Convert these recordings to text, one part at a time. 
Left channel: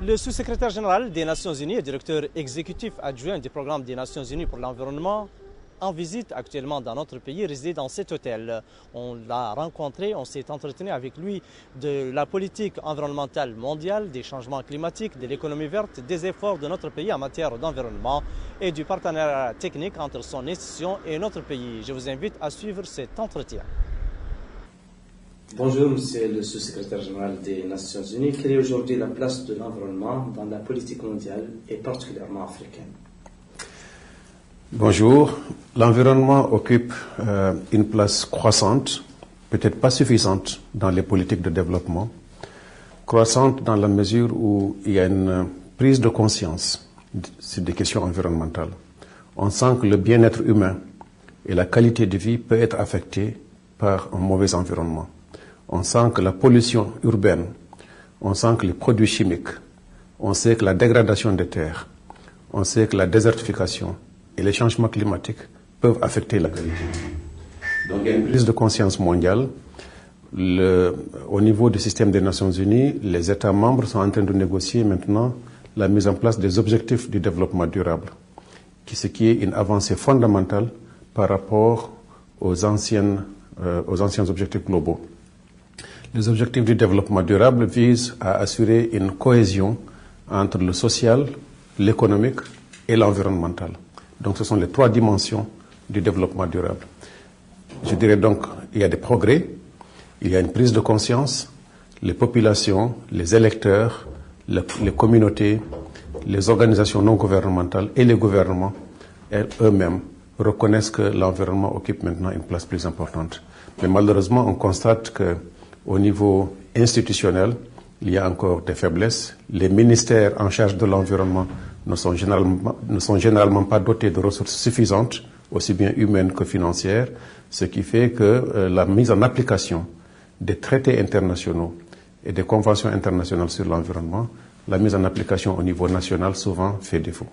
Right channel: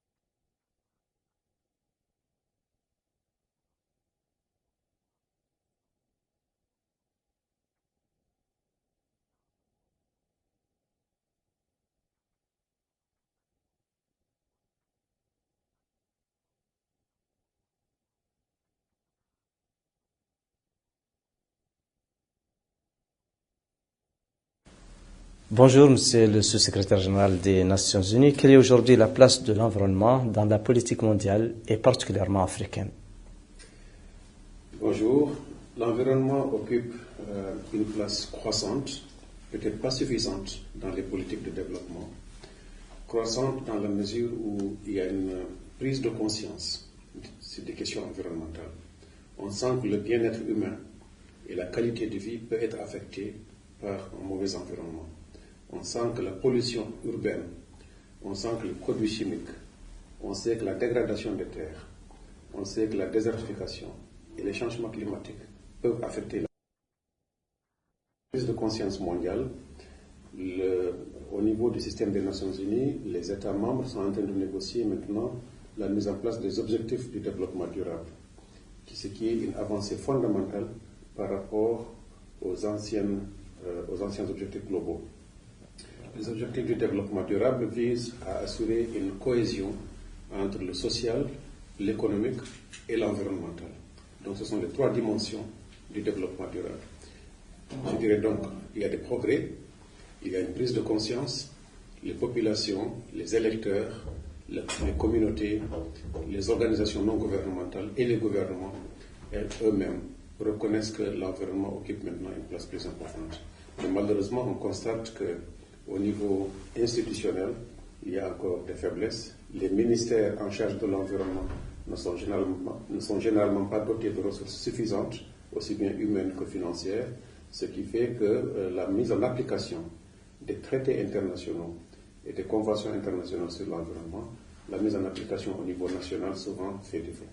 Le sous-secrétaire général des Nations Unies et directeur exécutif adjoint du programme des Nations Unies pour l'environnement en visite actuellement dans notre pays réside dans cet hôtel. On l'a rencontré, on s'est entretenu avec lui de la politique environnementale mondiale, des changements climatiques, de l'économie verte, des efforts de notre pays en matière d'environnement et du partenariat technique entre son institution et notre pays. Je vous invite à suivre cet entretien. Bonjour, Monsieur le sous-secrétaire général des Nations Unies. Quelle est aujourd'hui la place de l'environnement dans la politique mondiale et particulièrement africaine? Bonjour. L'environnement occupe une place croissante, peut-être pas suffisante dans les politiques de développement, croissante dans la mesure où il y a une prise de conscience sur des questions environnementales. On sent que le bien-être humain et la qualité de vie peut être affecté par un mauvais environnement. On sent que la pollution urbaine, on sent que les produits chimiques, on sait que la dégradation des terres, on sait que la désertification et les changements climatiques peuvent affecter la qualité de vie. Donc il y a une prise de conscience mondiale. Au niveau du système des Nations Unies, les États membres sont en train de négocier maintenant la mise en place des objectifs du développement durable, ce qui est une avancée fondamentale par rapport aux anciens objectifs globaux. Les objectifs du développement durable visent à assurer une cohésion entre le social, l'économique et l'environnemental. Donc ce sont les trois dimensions du développement durable. Je dirais donc qu'il y a des progrès, il y a une prise de conscience, les populations, les électeurs, les communautés, les organisations non gouvernementales et les gouvernements eux-mêmes reconnaissent que l'environnement occupe maintenant une place plus importante. Mais malheureusement, on constate qu'au niveau institutionnel, il y a encore des faiblesses. Les ministères en charge de l'environnement ne sont généralement pas dotés de ressources suffisantes, aussi bien humaines que financières, ce qui fait que la mise en application des traités internationaux et des conventions internationales sur l'environnement, la mise en application au niveau national souvent fait défaut.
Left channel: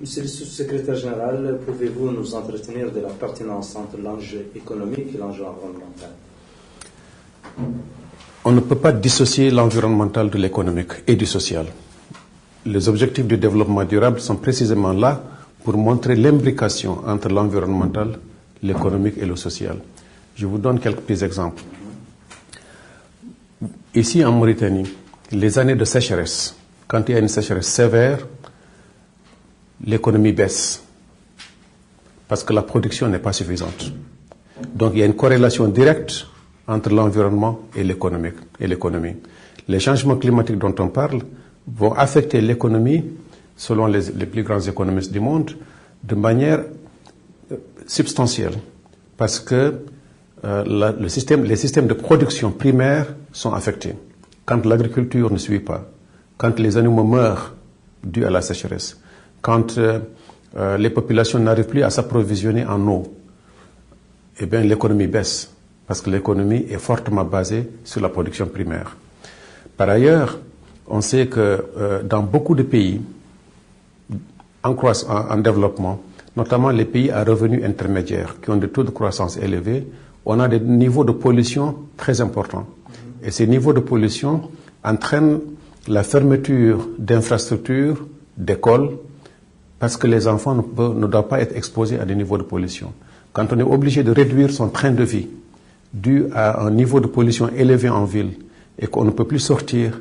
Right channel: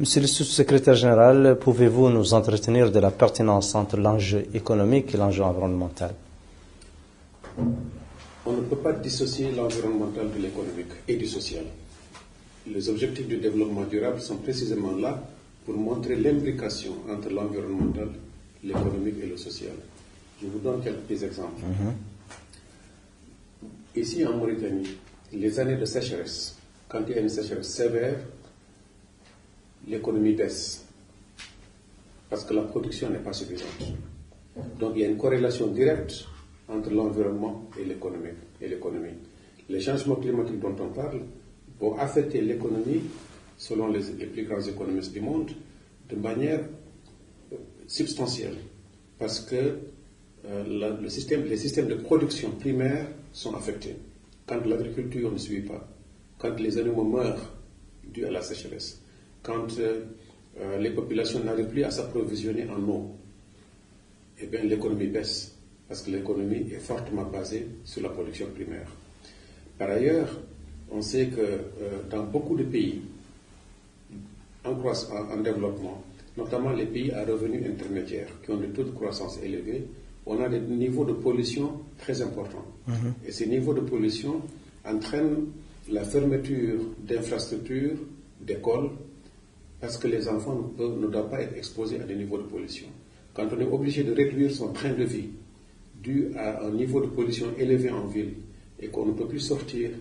Monsieur le sous-secrétaire général, pouvez-vous nous entretenir de la pertinence entre l'enjeu économique et l'enjeu environnemental? On ne peut pas dissocier l'environnemental de l'économique et du social. Les objectifs du développement durable sont précisément là pour montrer l'imbrication entre l'environnemental, l'économique et le social. Je vous donne quelques petits exemples. Ici en Mauritanie, les années de sécheresse, quand il y a une sécheresse sévère, l'économie baisse parce que la production n'est pas suffisante. Donc il y a une corrélation directe entre l'environnement et l'économie. Les changements climatiques dont on parle vont affecter l'économie, selon les plus grands économistes du monde, de manière substantielle, parce que les systèmes de production primaire sont affectés. Quand l'agriculture ne suit pas, quand les animaux meurent dus à la sécheresse, quand les populations n'arrivent plus à s'approvisionner en eau, eh bien l'économie baisse, parce que l'économie est fortement basée sur la production primaire. Par ailleurs, on sait que dans beaucoup de pays en développement, notamment les pays à revenus intermédiaires, qui ont des taux de croissance élevés, on a des niveaux de pollution très importants. Et ces niveaux de pollution entraînent la fermeture d'infrastructures, d'écoles, parce que les enfants ne doivent pas être exposés à des niveaux de pollution. Quand on est obligé de réduire son train de vie dû à un niveau de pollution élevé en ville et qu'on ne peut plus sortir,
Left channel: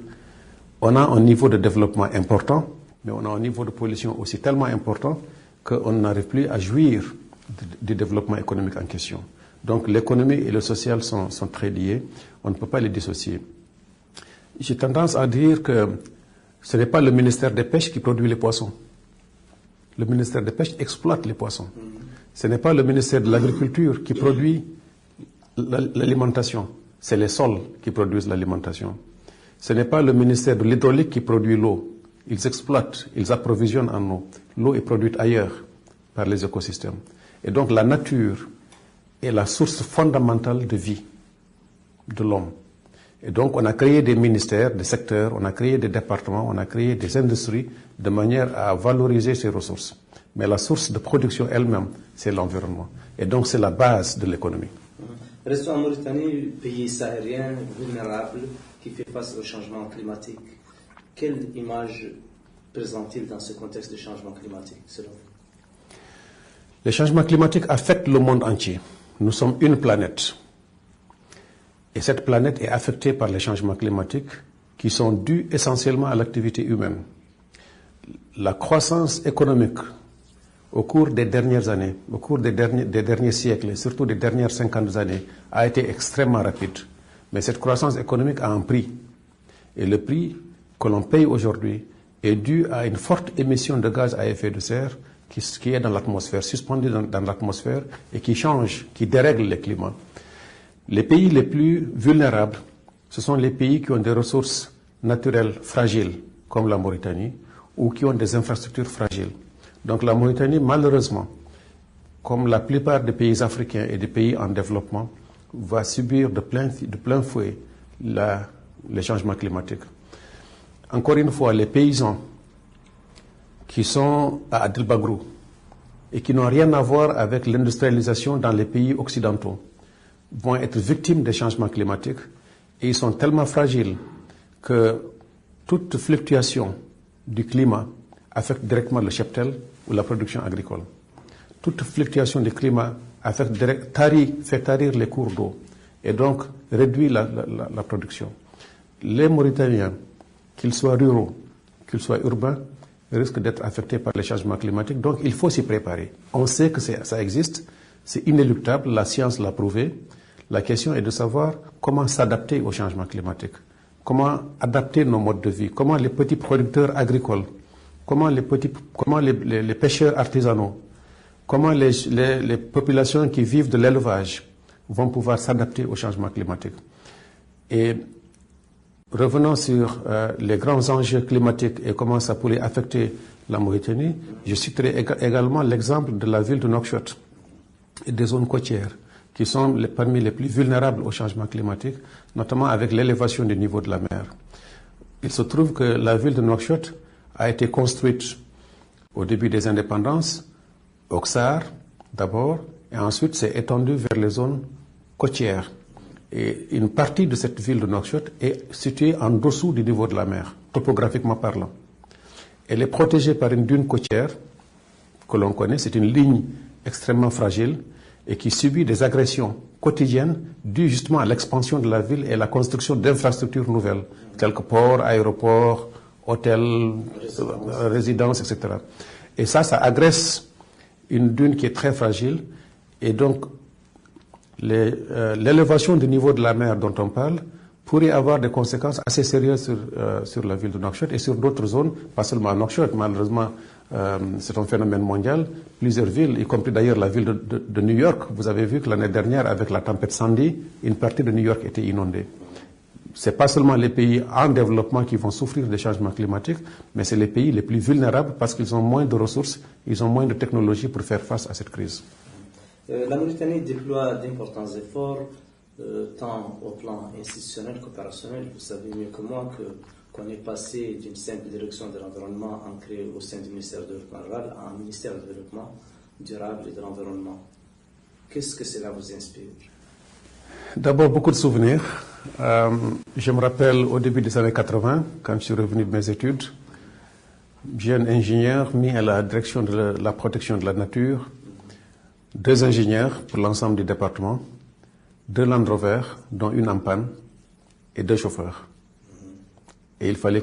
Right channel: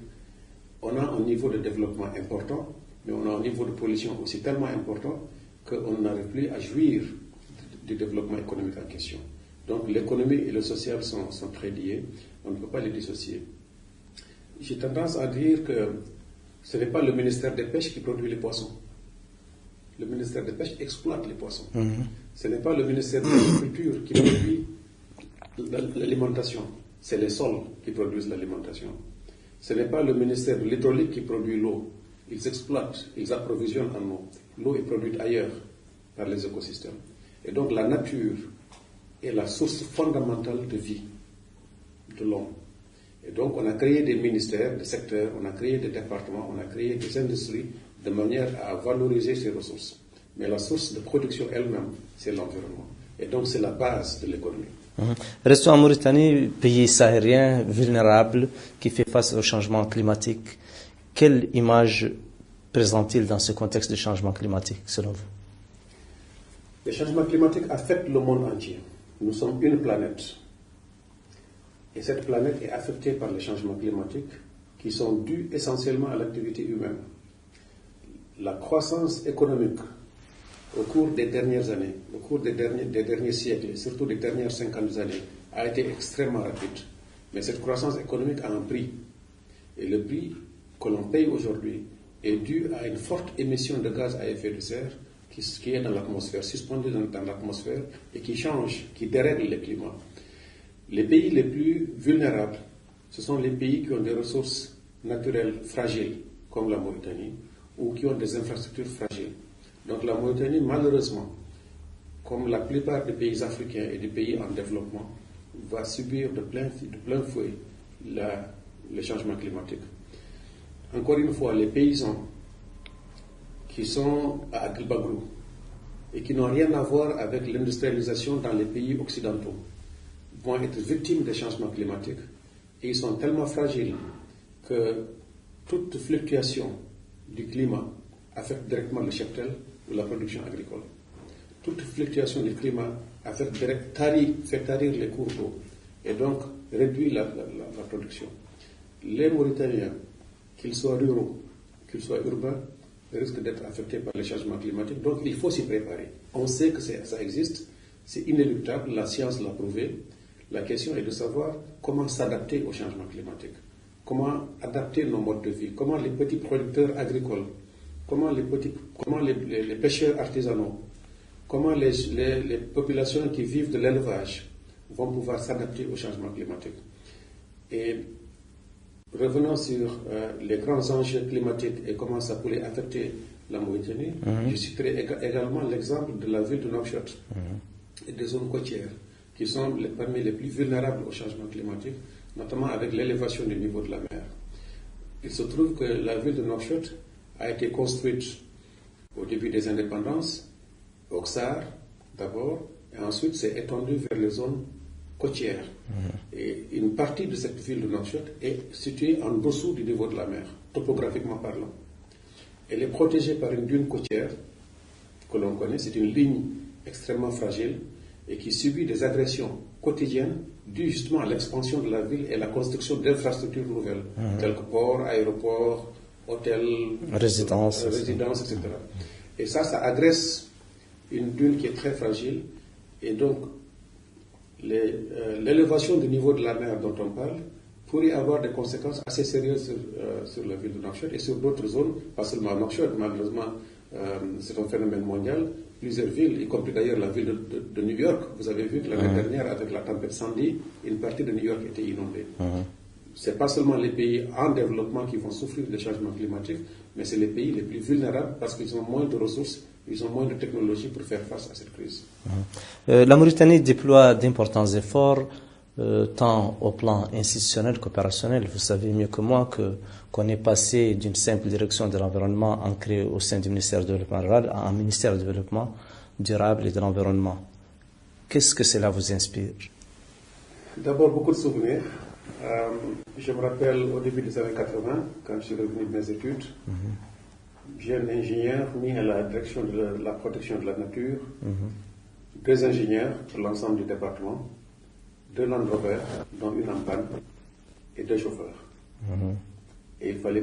on a un niveau de développement important, mais on a un niveau de pollution aussi tellement important qu'on n'arrive plus à jouir du développement économique en question. Donc l'économie et le social sont très liés, on ne peut pas les dissocier. J'ai tendance à dire que ce n'est pas le ministère des Pêches qui produit les poissons. Le ministère des Pêches exploite les poissons. Ce n'est pas le ministère de l'Agriculture qui produit l'alimentation. C'est les sols qui produisent l'alimentation. Ce n'est pas le ministère de l'Hydraulique qui produit l'eau. Ils exploitent, ils approvisionnent en eau. L'eau est produite ailleurs par les écosystèmes. Et donc la nature est la source fondamentale de vie de l'homme. Et donc on a créé des ministères, des secteurs, on a créé des départements, on a créé des industries de manière à valoriser ces ressources. Mais la source de production elle-même, c'est l'environnement. Et donc c'est la base de l'économie. Restons en Mauritanie, pays sahélien vulnérable qui fait face au changement climatique. Quelle image présente-t-il dans ce contexte de changement climatique, selon vous? Les changements climatiques affectent le monde entier. Nous sommes une planète. Et cette planète est affectée par les changements climatiques qui sont dus essentiellement à l'activité humaine. La croissance économique au cours des dernières années, au cours des derniers siècles, et surtout des dernières 50 années, a été extrêmement rapide. Mais cette croissance économique a un prix. Et le prix que l'on paye aujourd'hui est dû à une forte émission de gaz à effet de serre qui est dans l'atmosphère, suspendu dans l'atmosphère et qui change, qui dérègle le climat. Les pays les plus vulnérables, ce sont les pays qui ont des ressources naturelles fragiles, comme la Mauritanie, ou qui ont des infrastructures fragiles. Donc la Mauritanie, malheureusement, comme la plupart des pays africains et des pays en développement, va subir de plein fouet les changements climatiques. Encore une fois, les paysans qui sont à Adel Bagrou et qui n'ont rien à voir avec l'industrialisation dans les pays occidentaux vont être victimes des changements climatiques et ils sont tellement fragiles que toute fluctuation du climat affecte directement le cheptel ou la production agricole. Toute fluctuation du climat fait tarir les cours d'eau et donc réduit la production. Les Mauritaniens, qu'ils soient ruraux, qu'ils soient urbains, risquent d'être affectés par les changements climatiques. Donc il faut s'y préparer. On sait que ça existe, c'est inéluctable, la science l'a prouvé. La question est de savoir comment s'adapter aux changements climatiques, comment adapter nos modes de vie, comment les petits producteurs agricoles, comment les pêcheurs artisanaux, comment les populations qui vivent de l'élevage vont pouvoir s'adapter aux changements climatiques. Et revenons sur les grands enjeux climatiques et comment ça pourrait affecter la Mauritanie. Je citerai également l'exemple de la ville de Nouakchott et des zones côtières qui sont parmi les plus vulnérables au changement climatique, notamment avec l'élévation du niveau de la mer. Il se trouve que la ville de Nouakchott a été construite au début des indépendances, au Ksar d'abord, et ensuite s'est étendue vers les zones côtières. Et une partie de cette ville de Nouakchott est située en dessous du niveau de la mer, topographiquement parlant. Elle est protégée par une dune côtière que l'on connaît, c'est une ligne extrêmement fragile et qui subit des agressions quotidiennes dues justement à l'expansion de la ville et la construction d'infrastructures nouvelles, telles que ports, aéroports, hôtels, résidences, etc. Et ça agresse une dune qui est très fragile et donc l'élévation du niveau de la mer dont on parle pourrait avoir des conséquences assez sérieuses sur la ville de Nouakchott et sur d'autres zones, pas seulement à Nouakchott, malheureusement c'est un phénomène mondial. Plusieurs villes, y compris d'ailleurs la ville de New York, vous avez vu que l'année dernière, avec la tempête Sandy, une partie de New York était inondée. Ce n'est pas seulement les pays en développement qui vont souffrir des changements climatiques, mais c'est les pays les plus vulnérables parce qu'ils ont moins de ressources, ils ont moins de technologies pour faire face à cette crise. La Mauritanie déploie d'importants efforts, tant au plan institutionnel qu'opérationnel. Vous savez mieux que moi qu'on est passé d'une simple direction de l'environnement ancrée au sein du ministère du Développement rural à un ministère du Développement durable et de l'environnement. Qu'est-ce que cela vous inspire? D'abord, beaucoup de souvenirs. Je me rappelle au début des années 80, quand je suis revenu de mes études, jeune ingénieur mis à la direction de la protection de la nature, 2 ingénieurs pour l'ensemble du département, 2 Land Rover, dont une en panne, et 2 chauffeurs. Et il fallait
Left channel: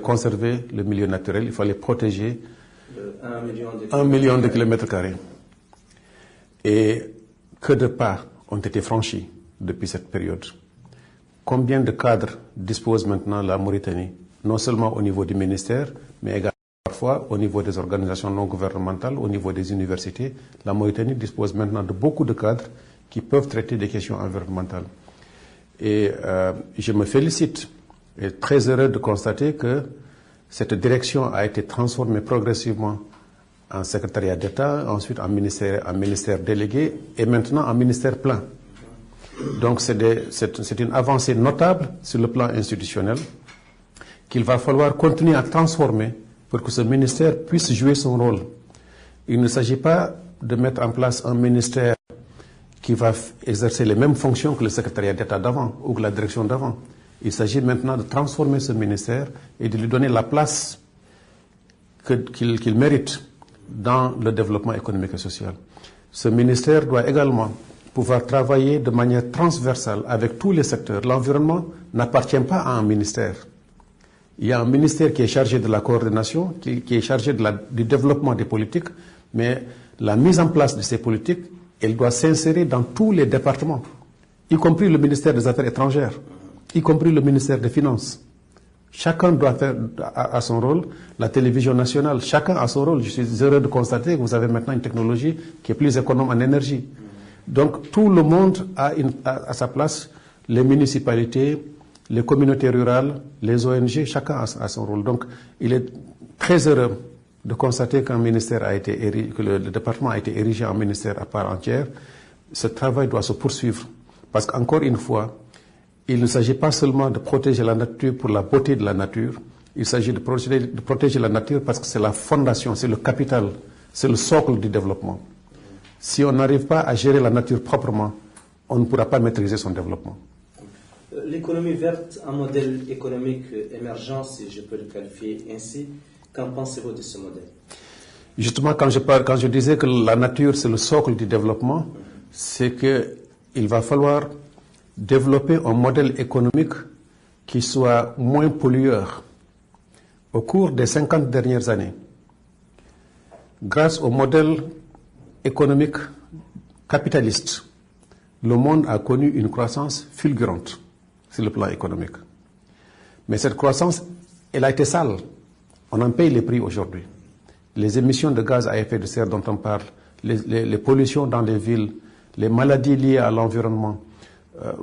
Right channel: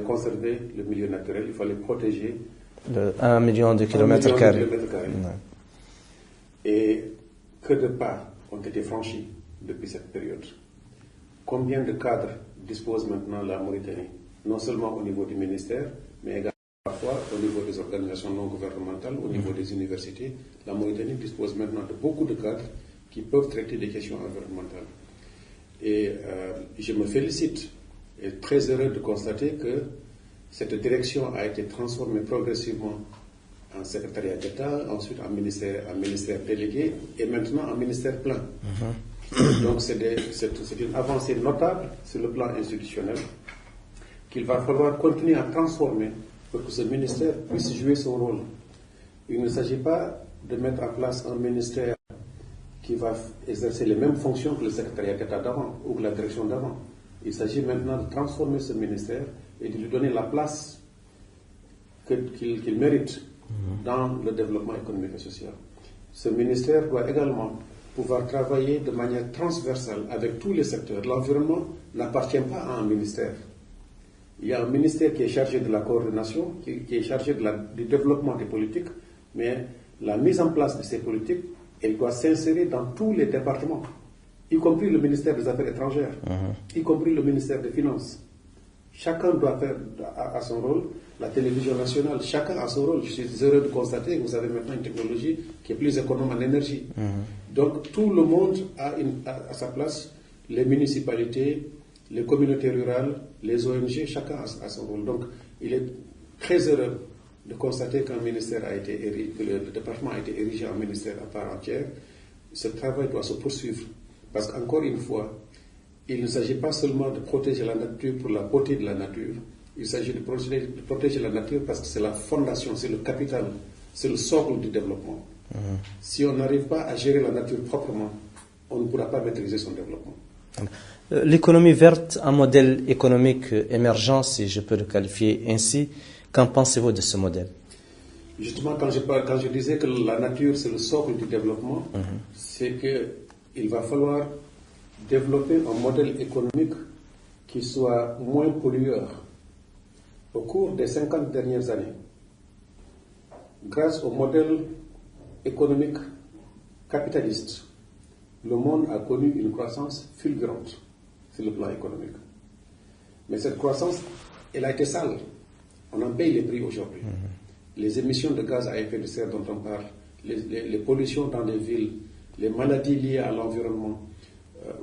conserver le milieu naturel, il fallait protéger 1 million de kilomètres carrés. Et que de pas ont été franchis depuis cette période. Combien de cadres dispose maintenant la Mauritanie, non seulement au niveau du ministère, mais également parfois au niveau des organisations non gouvernementales, au niveau des universités. La Mauritanie dispose maintenant de beaucoup de cadres qui peuvent traiter des questions environnementales. Et je me félicite et très heureux de constater que cette direction a été transformée progressivement en secrétariat d'État, ensuite en ministère délégué et maintenant en ministère plein. Donc c'est une avancée notable sur le plan institutionnel qu'il va falloir continuer à transformer pour que ce ministère puisse jouer son rôle. Il ne s'agit pas de mettre en place un ministère qui va exercer les mêmes fonctions que le secrétariat d'État d'avant ou que la direction d'avant. Il s'agit maintenant de transformer ce ministère et de lui donner la place qu'il mérite dans le développement économique et social. Ce ministère doit également pouvoir travailler de manière transversale avec tous les secteurs. L'environnement n'appartient pas à un ministère. Il y a un ministère qui est chargé de la coordination, qui est chargé du développement des politiques, mais la mise en place de ces politiques, elle doit s'insérer dans tous les départements, y compris le ministère des Affaires étrangères, y compris le ministère des Finances. Chacun doit faire à son rôle. La télévision nationale, chacun a son rôle. Je suis heureux de constater que vous avez maintenant une technologie qui est plus économe en énergie. Donc tout le monde a à sa place, les municipalités, les communautés rurales, les ONG, chacun a son rôle. Donc il est très heureux de constater que le département a été érigé en ministère à part entière. Ce travail doit se poursuivre. Parce qu'encore une fois, il ne s'agit pas seulement de protéger la nature pour la beauté de la nature, il s'agit de protéger la nature parce que c'est la fondation, c'est le capital, c'est le socle du développement. Si on n'arrive pas à gérer la nature proprement, on ne pourra pas maîtriser son développement. L'économie verte, un modèle économique émergent, si je peux le qualifier ainsi, qu'en pensez-vous de ce modèle? Justement, quand je disais que la nature c'est le socle du développement, c'est qu'il va falloir développer un modèle économique qui soit moins pollueur. Au cours des 50 dernières années, grâce au modèle économique capitaliste, le monde a connu une croissance fulgurante sur le plan économique. Mais cette croissance, elle a été sale. On en paye les prix aujourd'hui. Les émissions de gaz à effet de serre dont on parle, les pollutions dans les villes, les maladies liées à l'environnement.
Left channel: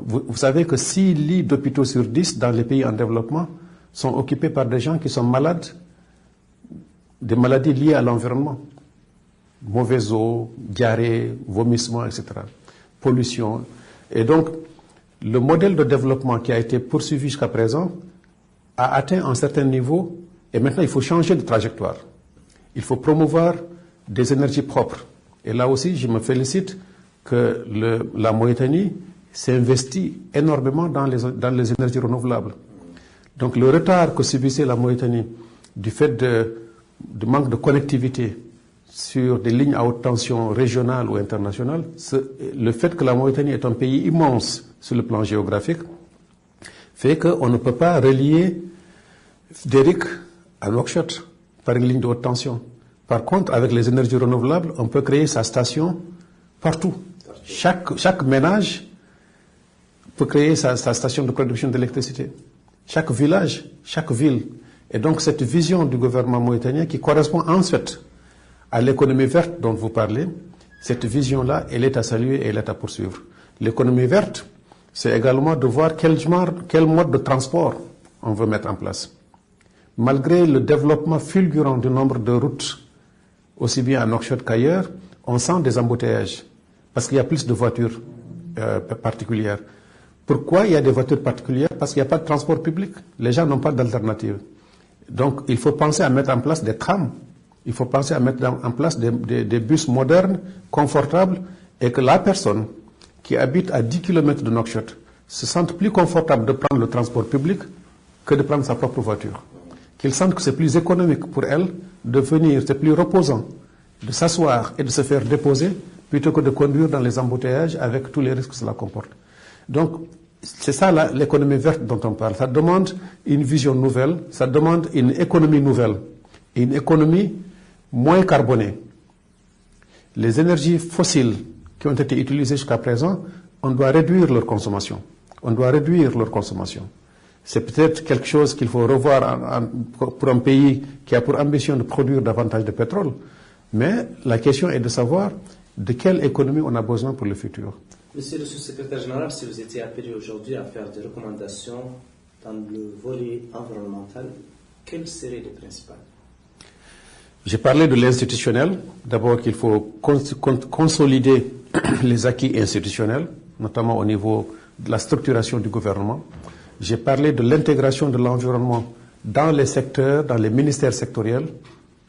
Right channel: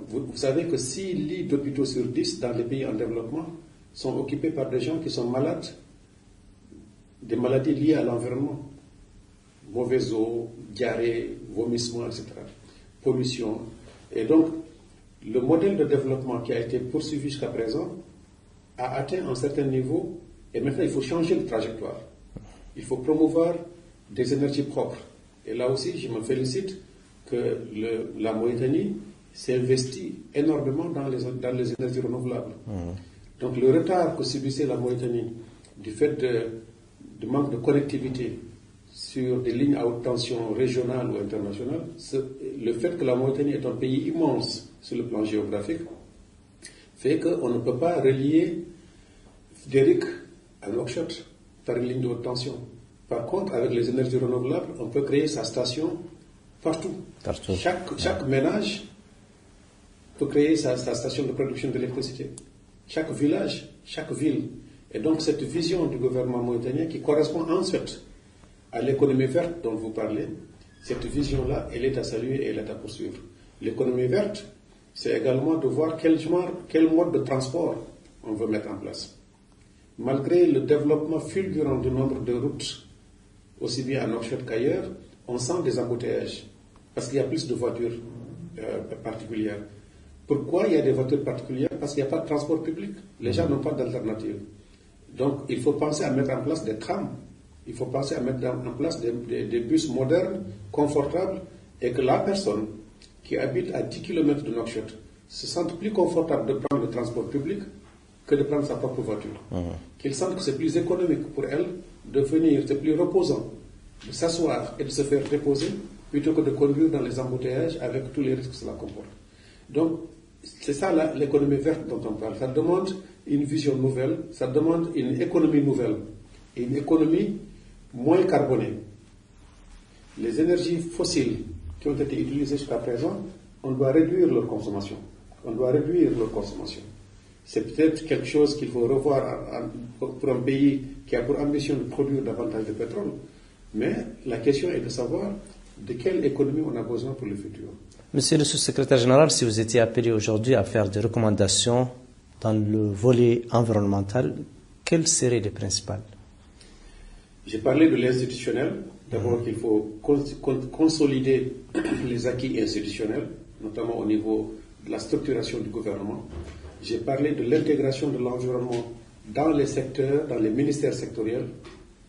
Vous savez que 6 lits d'hôpitaux sur 10 dans les pays en développement sont occupés par des gens qui sont malades, des maladies liées à l'environnement. Mauvaise eau, diarrhée, vomissement, etc. Pollution. Et donc, le modèle de développement qui a été poursuivi jusqu'à présent a atteint un certain niveau et maintenant il faut changer de trajectoire. Il faut promouvoir des énergies propres. Et là aussi, je me félicite que la Mauritanie s'investit énormément dans les énergies renouvelables. Donc le retard que subissait la Mauritanie du fait du manque de connectivité sur des lignes à haute tension régionales ou internationales, le fait que la Mauritanie est un pays immense sur le plan géographique, fait qu'on ne peut pas relier Fidéric à Nouakchott par une ligne de haute tension. Par contre, avec les énergies renouvelables, on peut créer sa station partout. Chaque ménage peut créer sa station de production d'électricité. Chaque village, chaque ville. Et donc cette vision du gouvernement mauritanien qui correspond ensuite à l'économie verte dont vous parlez, cette vision-là, elle est à saluer et elle est à poursuivre. L'économie verte, c'est également de voir quel mode de transport on veut mettre en place. Malgré le développement fulgurant du nombre de routes, aussi bien à Nouakchott qu'ailleurs, on sent des embouteillages parce qu'il y a plus de voitures particulières. Pourquoi il y a des voitures particulières? Parce qu'il n'y a pas de transport public. Les gens n'ont pas d'alternative. Donc il faut penser à mettre en place des trams. Il faut penser à mettre en place des bus modernes, confortables, et que la personne qui habite à 10 km de Nouakchott se sente plus confortable de prendre le transport public que de prendre sa propre voiture. Qu'il sente que c'est plus économique pour elle de venir, c'est plus reposant de s'asseoir et de se faire déposer plutôt que de conduire dans les embouteillages avec tous les risques que cela comporte. Donc, c'est ça l'économie verte dont on parle. Ça demande une vision nouvelle, ça demande une économie nouvelle, et une économie moins carbonée. Les énergies fossiles qui ont été utilisées jusqu'à présent, on doit réduire leur consommation. On doit réduire leur consommation. C'est peut-être quelque chose qu'il faut revoir pour un pays qui a pour ambition de produire davantage de pétrole. Mais la question est de savoir de quelle économie on a besoin pour le futur. Monsieur le sous-secrétaire général, si vous étiez appelé aujourd'hui à faire des recommandations dans le volet environnemental, quelles seraient les principales? J'ai parlé de l'institutionnel. D'abord qu'il faut consolider les acquis institutionnels, notamment au niveau de la structuration du gouvernement. J'ai parlé de l'intégration de l'environnement dans les secteurs, dans les ministères sectoriels.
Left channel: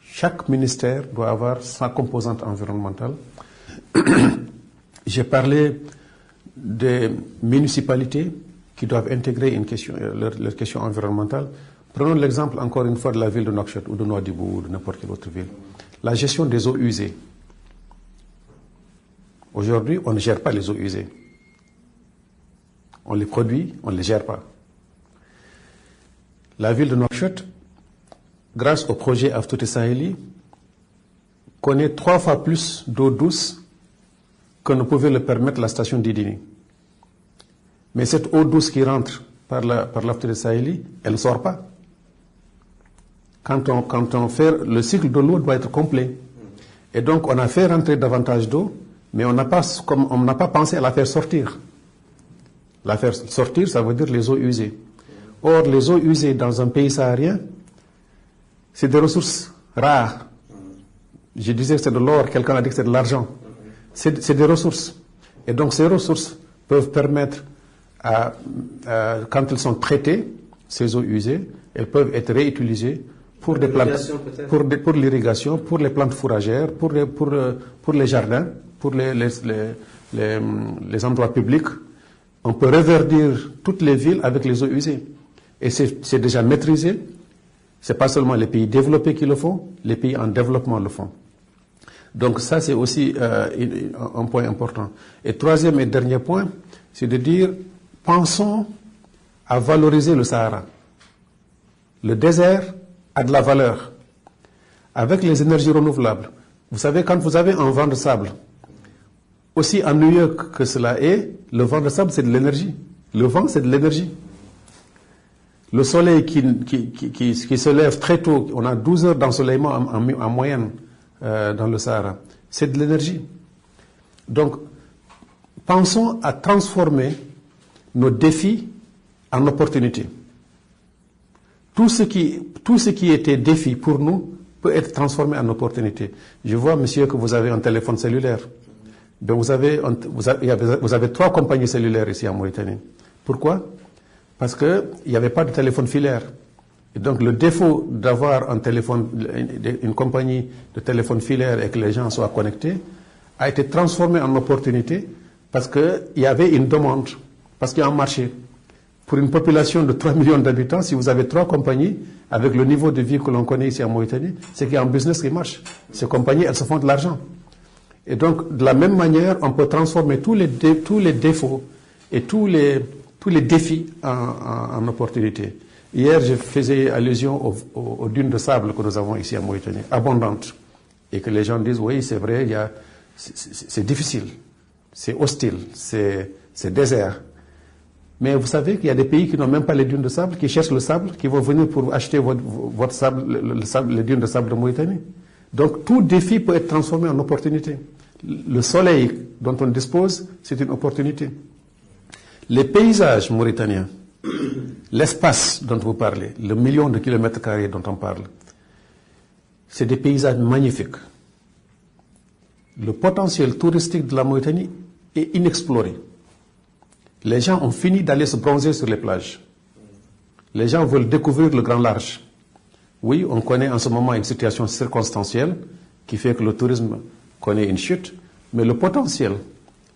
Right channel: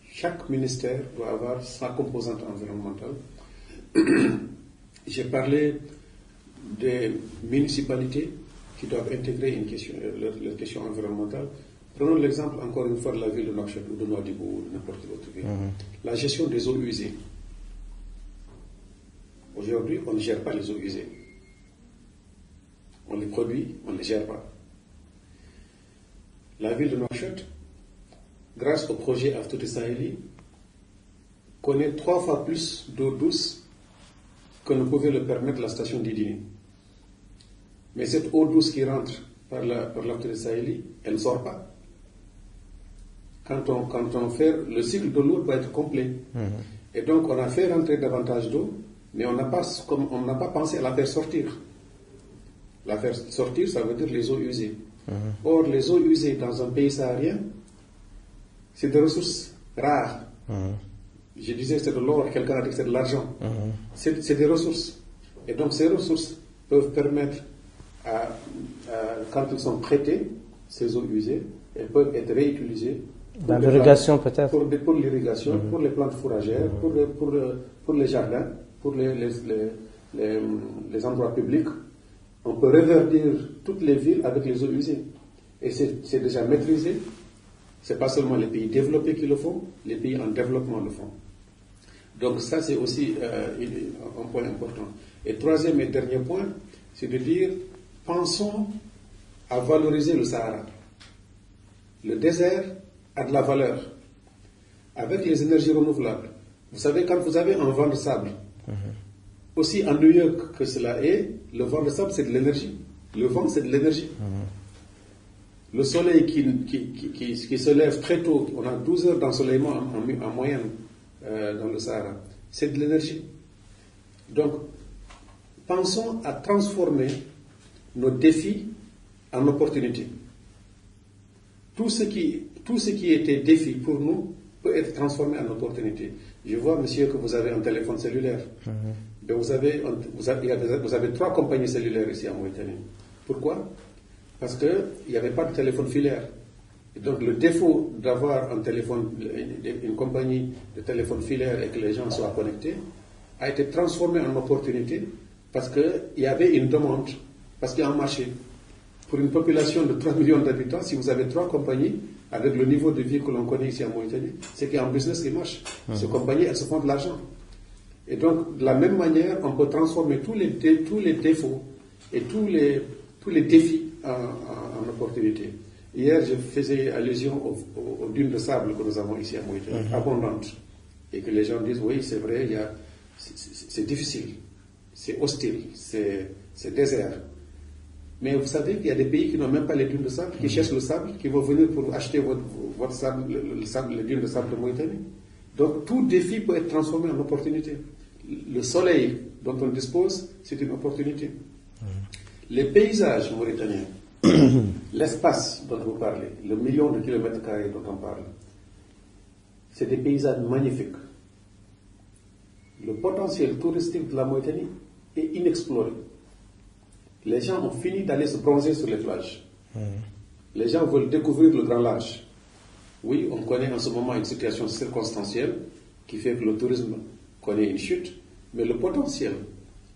Chaque ministère doit avoir sa composante environnementale. J'ai parlé des municipalités qui doivent intégrer leur question environnementale. Prenons l'exemple encore une fois de la ville de Nouakchott ou de Nouadhibou ou de n'importe quelle autre ville. La gestion des eaux usées. Aujourd'hui, on ne gère pas les eaux usées. On les produit, on ne les gère pas. La ville de Nouakchott, grâce au projet Aftouti Saheli, connaît 3 fois plus d'eau douce que ne pouvait le permettre la station d'Idini. Mais cette eau douce qui rentre par l'Aftouti Saheli, elle ne sort pas. Quand on fait, le cycle de l'eau doit être complet. Et donc on a fait rentrer davantage d'eau, mais on n'a pas pensé à la faire sortir. La faire sortir, ça veut dire les eaux usées. Or, les eaux usées dans un pays saharien, c'est des ressources rares. Je disais que c'est de l'or, quelqu'un a dit que c'est de l'argent. C'est des ressources. Et donc ces ressources peuvent permettre, quand elles sont traitées, ces eaux usées, elles peuvent être réutilisées pour l'irrigation, pour les plantes fourragères, pour les jardins, pour les endroits publics. On peut reverdir toutes les villes avec les eaux usées. Et c'est déjà maîtrisé. Ce n'est pas seulement les pays développés qui le font, les pays en développement le font. Donc ça, c'est aussi un point important. Et troisième et dernier point, c'est de dire, pensons à valoriser le Sahara. Le désert a de la valeur. Avec les énergies renouvelables, vous savez, quand vous avez un vent de sable, aussi ennuyeux que cela est, le vent de sable, c'est de l'énergie. Le vent, c'est de l'énergie. Le soleil qui se lève très tôt, on a 12 heures d'ensoleillement en moyenne dans le Sahara, c'est de l'énergie. Donc, pensons à transformer nos défis en opportunités. Tout ce qui était défi pour nous peut être transformé en opportunité. Je vois, monsieur, que vous avez un téléphone cellulaire. Ben vous avez 3 compagnies cellulaires ici en Mauritanie. Pourquoi? Parce qu'il n'y avait pas de téléphone filaire. Et donc le défaut d'avoir une compagnie de téléphone filaire et que les gens soient connectés a été transformé en opportunité parce qu'il y avait une demande, parce qu'il y a un marché. Pour une population de 3 millions d'habitants, si vous avez 3 compagnies, avec le niveau de vie que l'on connaît ici en Mauritanie, c'est qu'il y a un business qui marche. Ces compagnies, elles se font de l'argent. Et donc, de la même manière, on peut transformer tous les défauts et tous les défis en opportunités. Hier, je faisais allusion aux dunes de sable que nous avons ici en Mauritanie, abondantes. Et que les gens disent, oui, c'est vrai, c'est difficile, c'est hostile, c'est désert. Mais vous savez qu'il y a des pays qui n'ont même pas les dunes de sable, qui cherchent le sable, qui vont venir pour acheter votre sable, les dunes de sable de Mauritanie. Donc, tout défi peut être transformé en opportunité. Le soleil dont on dispose, c'est une opportunité. Les paysages mauritaniens, l'espace dont vous parlez, le million de kilomètres carrés dont on parle, c'est des paysages magnifiques. Le potentiel touristique de la Mauritanie est inexploré. Les gens ont fini d'aller se bronzer sur les plages. Les gens veulent découvrir le grand large. Oui, on connaît en ce moment une situation circonstancielle qui fait que le tourisme connaît une chute, mais le potentiel,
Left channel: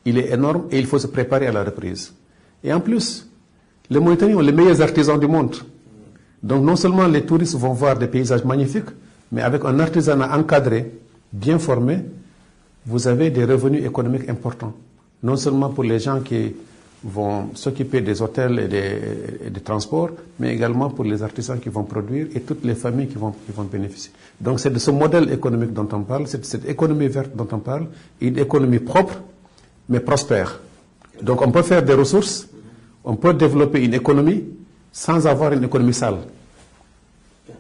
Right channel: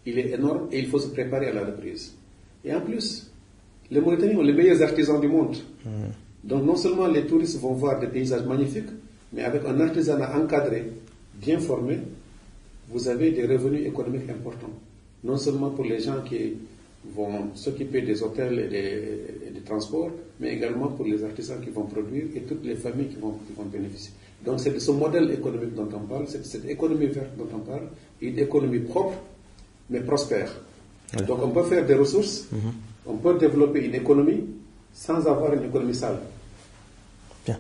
il est énorme et il faut se préparer à la reprise. Et en plus, les Mauritaniens ont les meilleurs artisans du monde. Donc non seulement les touristes vont voir des paysages magnifiques, mais avec un artisanat encadré, bien formé, vous avez des revenus économiques importants. Non seulement pour les gens qui vont s'occuper des hôtels et des transports, mais également pour les artisans qui vont produire et toutes les familles qui vont bénéficier. Donc c'est de ce modèle économique dont on parle, c'est de cette économie verte dont on parle, une économie propre, mais prospère. Donc on peut faire des ressources, on peut développer une économie sans avoir une économie sale. Bien.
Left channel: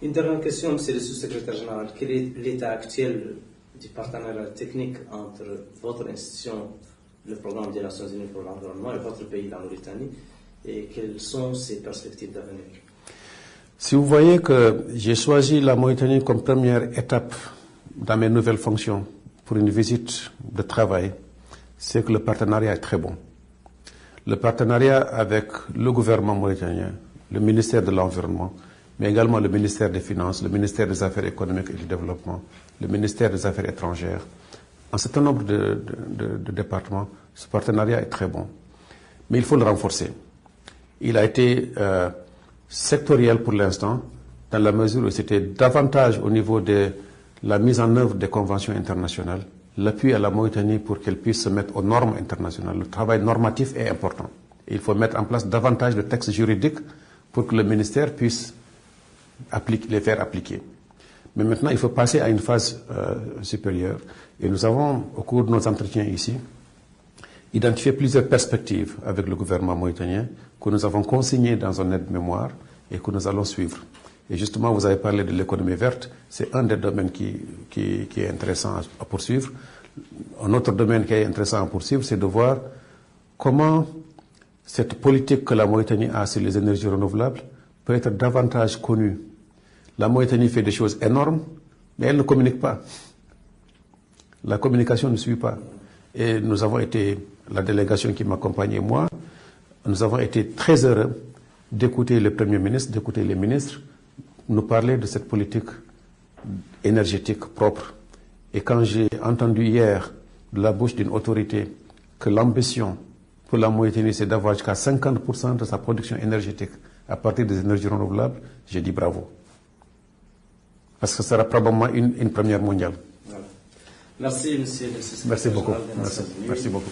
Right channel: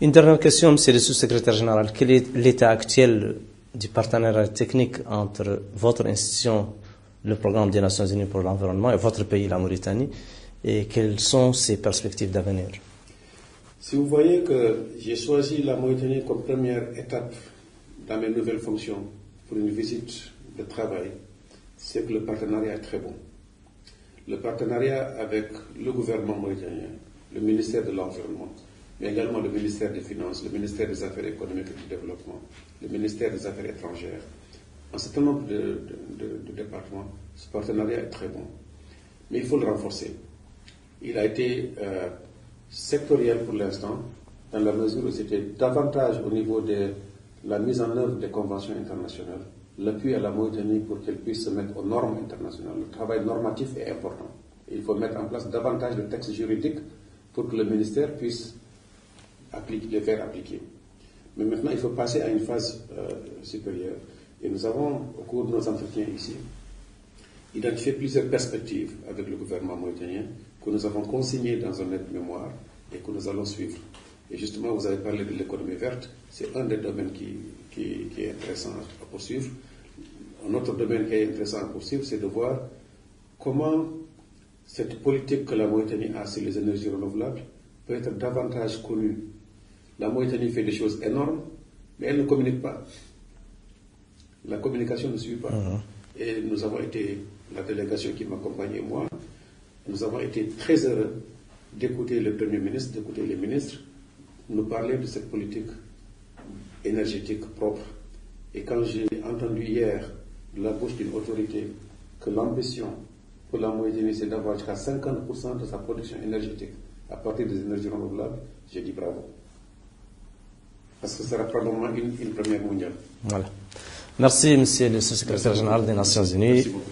Une dernière question, Monsieur le sous-secrétaire général. Quel est l'état actuel du partenariat technique entre votre institution, le programme des Nations Unies pour l'environnement, et votre pays, la Mauritanie, et quelles sont ses perspectives d'avenir? Si vous voyez que j'ai choisi la Mauritanie comme première étape dans mes nouvelles fonctions pour une visite de travail, c'est que le partenariat est très bon. Le partenariat avec le gouvernement mauritanien, le ministère de l'Environnement, mais également le ministère des Finances, le ministère des Affaires économiques et du Développement, le ministère des Affaires étrangères, un certain nombre de départements, ce partenariat est très bon. Mais il faut le renforcer. Il a été sectoriel pour l'instant, dans la mesure où c'était davantage au niveau de la mise en œuvre des conventions internationales, l'appui à la Mauritanie pour qu'elle puisse se mettre aux normes internationales. Le travail normatif est important. Il faut mettre en place davantage de textes juridiques pour que le ministère puisse les faire appliquer. Mais maintenant, il faut passer à une phase supérieure. Et nous avons, au cours de nos entretiens ici, identifié plusieurs perspectives avec le gouvernement mauritanien que nous avons consignées dans un aide-mémoire et que nous allons suivre. Et justement, vous avez parlé de l'économie verte. C'est un des domaines qui est intéressant à poursuivre. Un autre domaine qui est intéressant à poursuivre, c'est de voir comment cette politique que la Mauritanie a sur les énergies renouvelables peut être davantage connue. La Mauritanie fait des choses énormes, mais elle ne communique pas. La communication ne suit pas. Et nous avons été, la délégation qui m'accompagnait, moi, nous avons été très heureux d'écouter le Premier ministre, d'écouter les ministres, nous parler de cette politique énergétique propre. Et quand j'ai entendu hier de la bouche d'une autorité que l'ambition pour la Mauritanie, c'est d'avoir jusqu'à 50% de sa production énergétique à partir des énergies renouvelables, j'ai dit bravo. Parce que ce sera probablement une première mondiale. Voilà. Merci, monsieur le secrétaire général des Nations Unies. Merci beaucoup.